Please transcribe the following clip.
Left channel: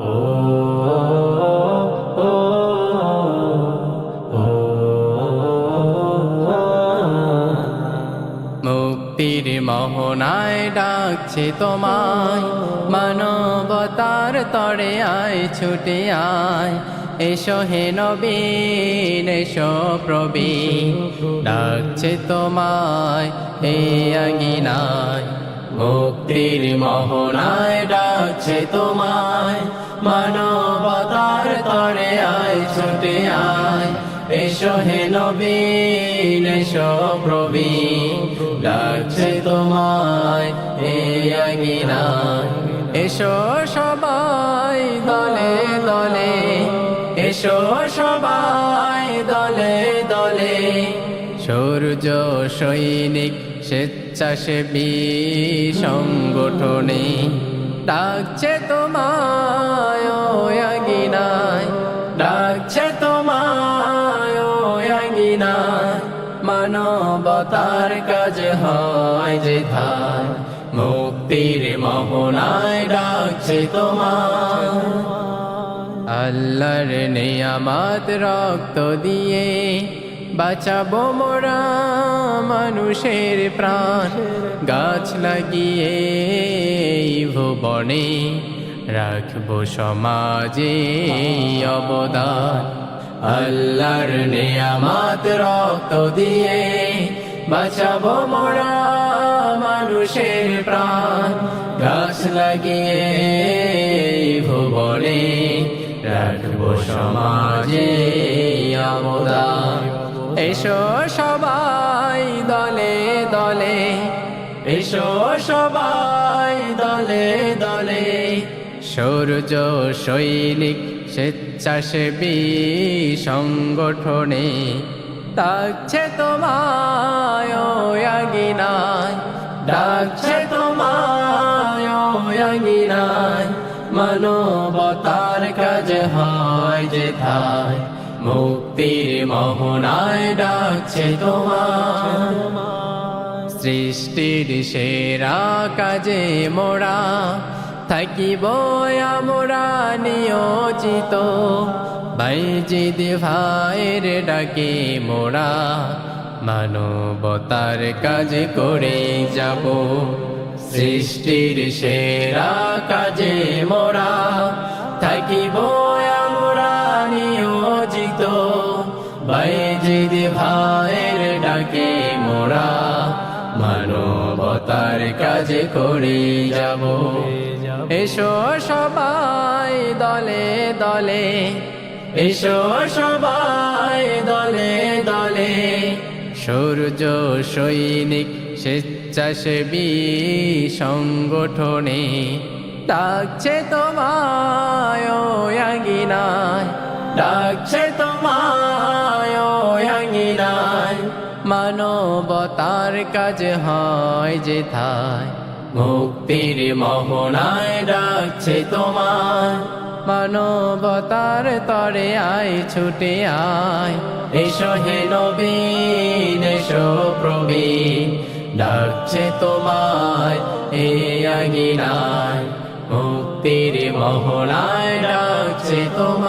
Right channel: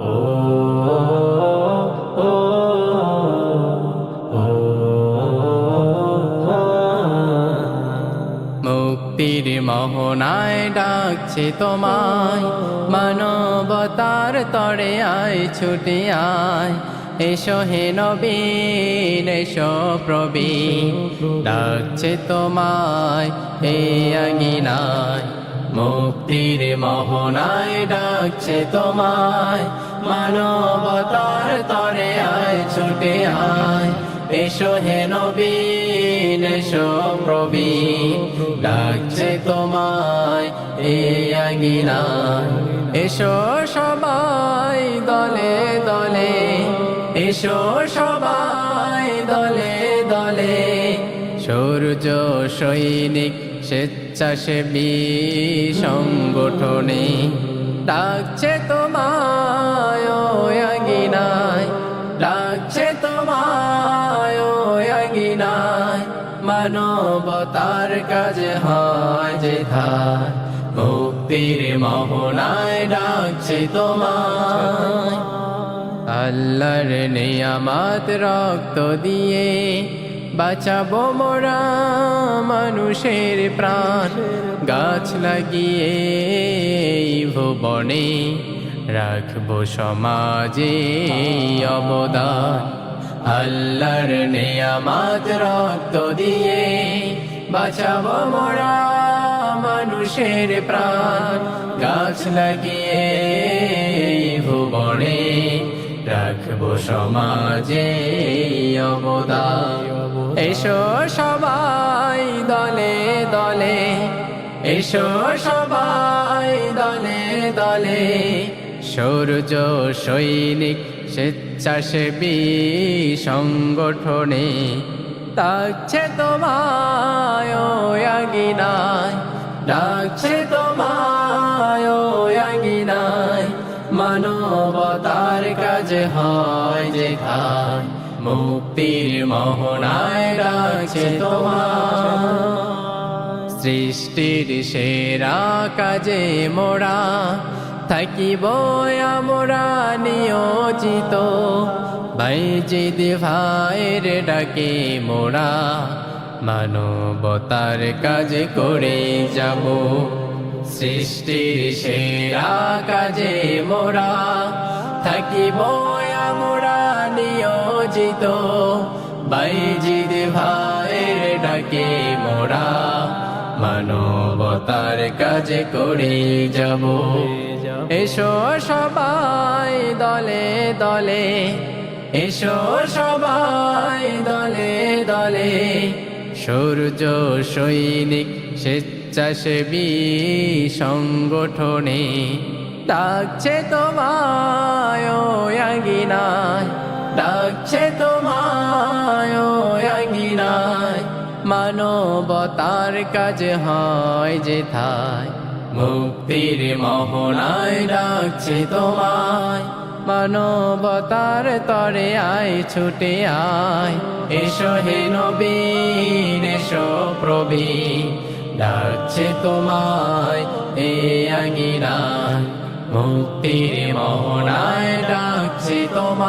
ও ও ও মুক্তির মোহনায় ডাকছে তোমায়, মানবতার তরে আয় ছুটে আয়। এসো হে নবীন এসো প্রবীণ, ডাকছে তোমায় এই আঙিনায়। মুক্তির মোহনায় ডাকছে তোমায়, মানবতার তরে আয় ছুটে আয়। এসো হে নবীন এসো প্রবীণ, ডাকছে তোমায় এই আঙিনায়। এসো সবাই দলে দলে, এসো সবাই দলে দলে। সূর্য সৈনিক স্বেচ্ছাসেবী সংগঠনে, ডাকছে তোমায় ওই আঙিনায়, ডাকছে তোমায় ওই আঙিনায়। মানবতার কাজ হয় যেথায়, মুক্তির মোহনায় ডাকছে তোমায়। আল্লাহর নিয়ামত রক্ত দিয়ে বাঁচাবো মোরা মানুষের প্রাণ, গাছ লাগিয়ে এই ভুবনে রাখবো সমাজে অবদান। আল্লাহর নিয়ামত রক্ত দিয়ে বাঁচাবো মোরা মানুষের প্রাণ, গাছ লাগিয়ে ভুবনে রাখবো সমাজে অবদান। এসো সবাই দলে দলে, এসো সবাই দলে দলে। সূর্য সৈনিক স্বেচ্ছাসেবী সংগঠনে, ডাকছে তোমায় ওই আঙিনায়, ডাকছে তোমায় ওই আঙিনায়। মানবতার কাজ হয় যেথায়, মুক্তির মোহনায় ডাকছে তোমায়। সৃষ্টির সেরা কাজে মোরা থাকিব আমরা নিয়োজিত, বাইজিদ ভাইয়ের ডাকে মোরা মানবতার কাজ করে যাব। সৃষ্টির সেরা কাজে মোরা থাকিব আমরা নিয়োজিত, বাইজিদ ভাইয়ের ডাকে মোরা মানবতার কাজ করে যাব। এসো সবাই দলে দলে, এসো সবাই দলে দলে। সূর্য সৈনিক স্বেচ্ছাসেবী সংগঠনে, ডাকছে তোমায় ওই আঙিনায়, ডাকছে তোমায় ওই আঙিনায়। মানবতার কাজ হয় যেথায়, মুক্তির মোহনায় ডাকছে তোমায়। মানবতার তরে আয় ছুটে আয়। এসো হে নবীন এসো প্রবীণ, ডাকছে তোমায় এই আঙিনায়। মুক্তির মোহনায় ডাকছে তোমায়।